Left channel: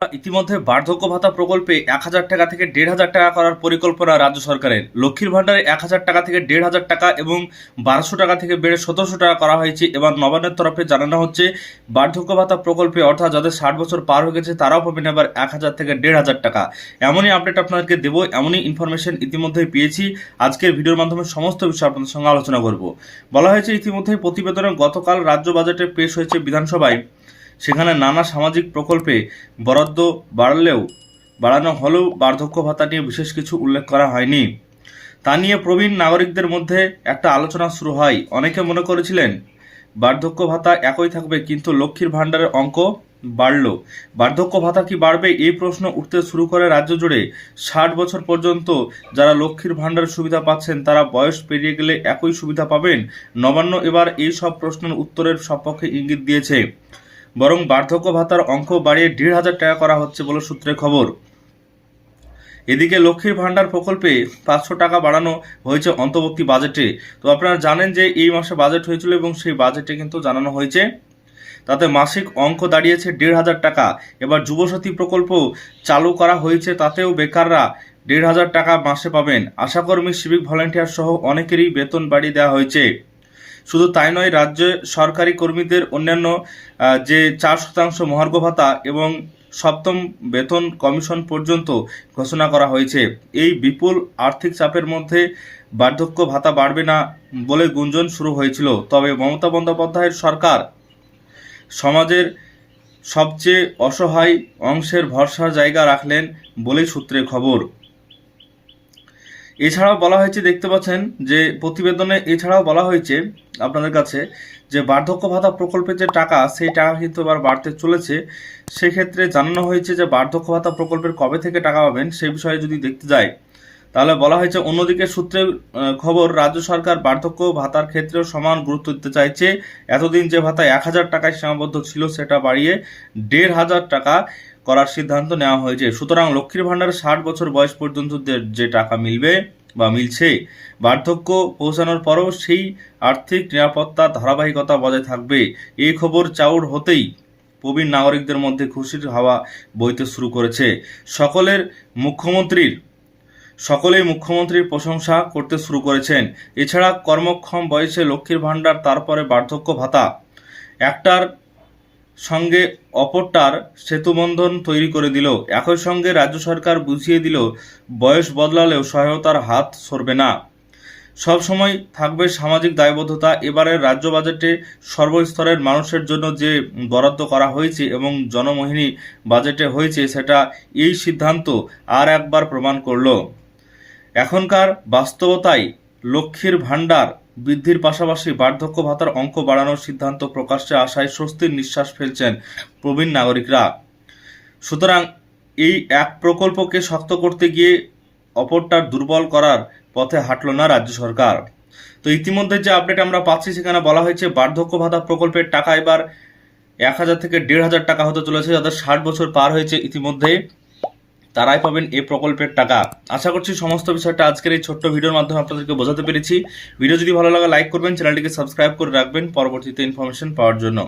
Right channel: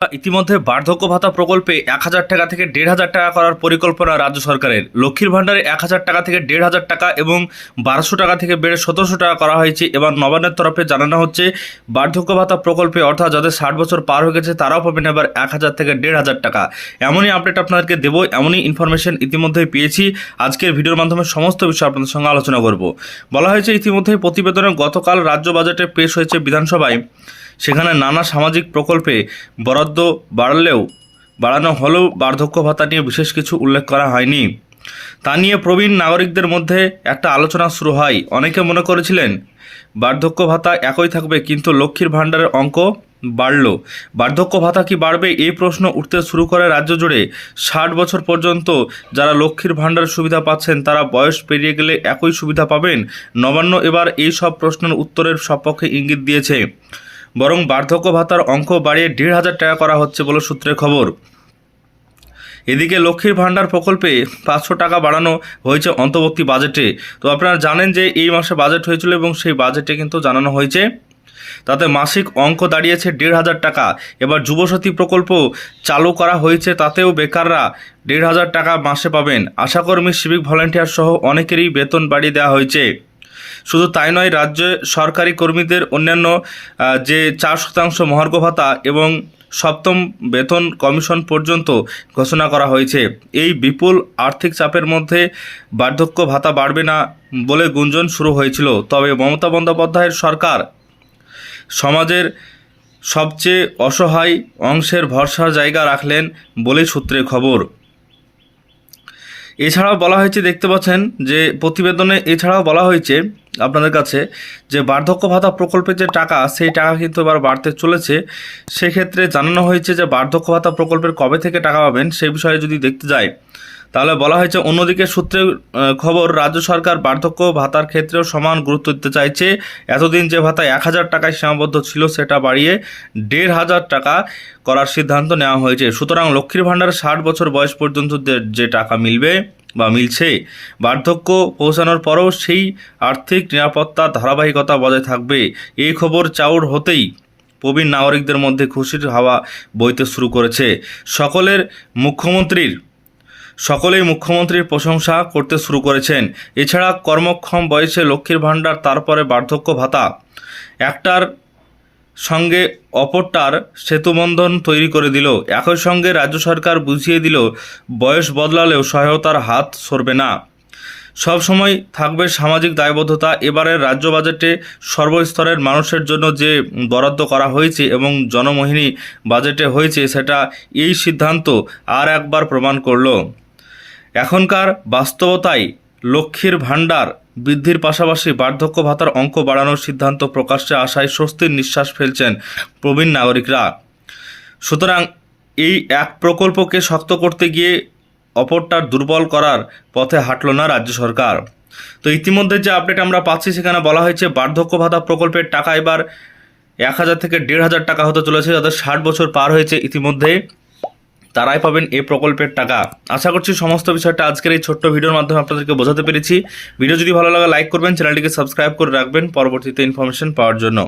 ইতিমধ্যে বার্ধক্য ভাতা প্রকল্পে 1,000 টাকা থেকে 1,500 টাকা করার পরিকল্পনা রাজ্য সরকারের। লক্ষ্মীর ভাণ্ডারে 1,000 টাকা থেকে 1,500 টাকা এবং 1,200 টাকা থেকে বেড়ে 1,700 টাকা করা হয়েছে। এবার নবান্নের তরফে জানানো হচ্ছে বার্ধক্য ভাতা প্রকল্পে অর্থাৎ যাদের 60 বছর পার হয়ে গেছে তারাও পাবেন এবার 1,000 থেকে 1,500 টাকা। এমনই আপডেট আপনাদেরকে দেবো, এমনই ইনফরমেশন ইতিমধ্যেই পেয়েছি। আজকের ভিডিওর মাধ্যমে সমস্ত বিষয় আপনাদের সঙ্গে আলোচনা করব। বলা হয়েছে ইতিমধ্যে প্রতিবেদনে গতকাল রাজ্য বাজেটে পেশ হয়েছে বিধানসভায়, সেখানে নানা সামাজিক প্রকল্পে বরাদ্দ বাড়ানো হলেও বার্ধক্য ভাতা নিয়ে বিশেষ কিছু উল্লেখ করা হয়নি। তা নিয়ে প্রবীণ নাগরিকদের মধ্যে একটা আলোচনা শুরু হয়। অনেকে মনে করেছিলেন বার্ধক্য ভাতা একই থাকবে, কিন্তু লক্ষ্মীর ভাণ্ডারের অঙ্ক বাড়ল। বার্ধক্য ভাতা কি বাড়বে, এই প্রশ্ন উঠতে শুরু করে রাজ্য জুড়ে। 60 বছর পর্যন্ত যারা লক্ষ্মীর ভাণ্ডারের সুবিধা পাচ্ছেন তারা বয়স পেরিয়ে গেলে একই সুবিধা পাবেন। নবান্ন এবার এই সব প্রশ্নের উত্তরের সপক্ষে ইঙ্গিত দিয়েছে, বরং বার্ধক্য ভাতার অঙ্ক বাড়িয়ে 1,500 টাকা করা হচ্ছে বলে সূত্রের খবর। এদিকে লক্ষ্মীর ভাণ্ডার প্রকল্পে 500 টাকা বাড়ানো হয়েছে অন্তর্বর্তী বাজেটে। তো আপনারা জানেন যে এই মাসে বাজেট হয়েছিল এবং সেই বাজেটে কিন্তু জানানো হয়েছে, তাতে মাসিক অঙ্ক দাঁড়িয়েছে 1,500 টাকা। এবার যুবসাথী প্রকল্প চালু করা হয়েছে, তাতেও বেকাররা 1,500 টাকা মাসে পাবেন। আশাকর্মী, সিভিক ভলেন্টিয়ার সহ অনেকেরই বেতন বাড়িয়ে দেওয়া হয়েছে। শুধু তাই নয়, রাজ্যে সরকারি কর্মীদের অন্যান্য যে 4% মহার্ঘ ভাতা এবং 7ম বেতন কমিশন পর্যন্ত ঘোষণা করা হয়েছে। এই বিপুল আর্থিক চাপের মধ্যে বার্ধক্য ভাতা বাড়বে না বলে গুঞ্জন শুরু হয়েছিল। তবে মমতা বন্দ্যোপাধ্যায়ের সরকার সমাজের সবচেয়ে অসহায় অংশের ভরসার জায়গা রাখলেন বলেই সূত্রে খবর। এছাড়াও বলা হয়েছে, দেখতে পাচ্ছেন যে প্রতিবেদনে এছাড়াও বলা হয়েছে আপনাদের কাছে যে বার্ধক্য ভাতা প্রকল্পের যে টাকা, সেই টাকা কিন্তু এবার বাড়তে চলেছে। সেক্ষেত্রে জানানো হয়েছে যে বার্ধক্য ভাতা প্রকল্পের কবে থেকে টাকা পাবেন সেই বিষয়ে যদি দেখতে যায়, তাহলে বলা হয়েছে অন্যদিকে সূত্রে খবর রাজ্য সরকার বার্ধক্য ভাতার ক্ষেত্রেও সমান গুরুত্ব দিতে চাইছে। এতদিন যে ভাতা 1,000 টাকায় সীমাবদ্ধ ছিল সেটা বাড়িয়ে 1,500 টাকা করার সিদ্ধান্ত নেওয়া হয়েছে। সুতরাং লক্ষ্মীর ভাণ্ডারে 60 বছর বয়স পর্যন্ত যে টাকা মিলবে বা মিলছে, বার্ধক্য পৌঁছানোর পরও সেই আর্থিক নিরাপত্তা ধারাবাহিকতা বজায় থাকবে। এই খবর চাউর হতেই প্রবীণ নাগরিকদের মধ্যে খুশির হাওয়া বইতে শুরু করেছে। সকলেই মুখ্যমন্ত্রীর প্রশংসা করতে শুরু করেছেন। এছাড়া কর্মক্ষম বয়সে লক্ষ্মীর ভাণ্ডার, তারপরে বার্ধক্য ভাতা, একটার সঙ্গে অপরটার সেতুবন্ধন তৈরি করে দিল। একই সঙ্গে রাজ্য সরকার বুঝিয়ে দিল বয়স বদলালেও সহায়তার হাত সরবে না, সব সময় থাকবে সামাজিক দায়বদ্ধতা। এবারের রাজ্য বাজেটে সর্বস্তরের মানুষের জন্য যে বরাদ্দ করা হয়েছে এবং জনমোহিনী বাজেটে হয়েছে, সেটা এই সিদ্ধান্ত আর একবার প্রমাণ করল। এখনকার বাস্তবতায় লক্ষ্মীর ভাণ্ডার বৃদ্ধির পাশাপাশি বার্ধক্য ভাতার অঙ্ক বাড়ানোর সিদ্ধান্ত প্রকাশ্যে আসায় স্বস্তির নিঃশ্বাস ফেলছেন প্রবীণ নাগরিকরা। সুতরাং এই এক প্রকল্পকে শক্ত করতে গিয়ে অপরটার দুর্বল করার পথে হাঁটল না রাজ্য সরকার। তো ইতিমধ্যে যে আপডেট আমরা পাচ্ছি, সেখানে বলা হয়েছে বার্ধক্য ভাতা প্রকল্পের টাকা এবার 1,000 থেকে 1,500 টাকা হতে চলেছে। যাদের 60 বছর পার হয়েছে ইতিমধ্যে তারাই পাবেন এই প্রকল্পের টাকা। আশা করছি সমস্ত বিষয়টা আজকের এই ছোট্ট ভিডিওর মাধ্যমে আপনাদেরকে বোঝাতে পেরেছি। ভিডিও যদি ভালো লাগে লাইক করবেন, চ্যানেলটিকে সাবস্ক্রাইব করে রাখবেন পরবর্তীতে ইনফরমেশন পাওয়ার জন্য।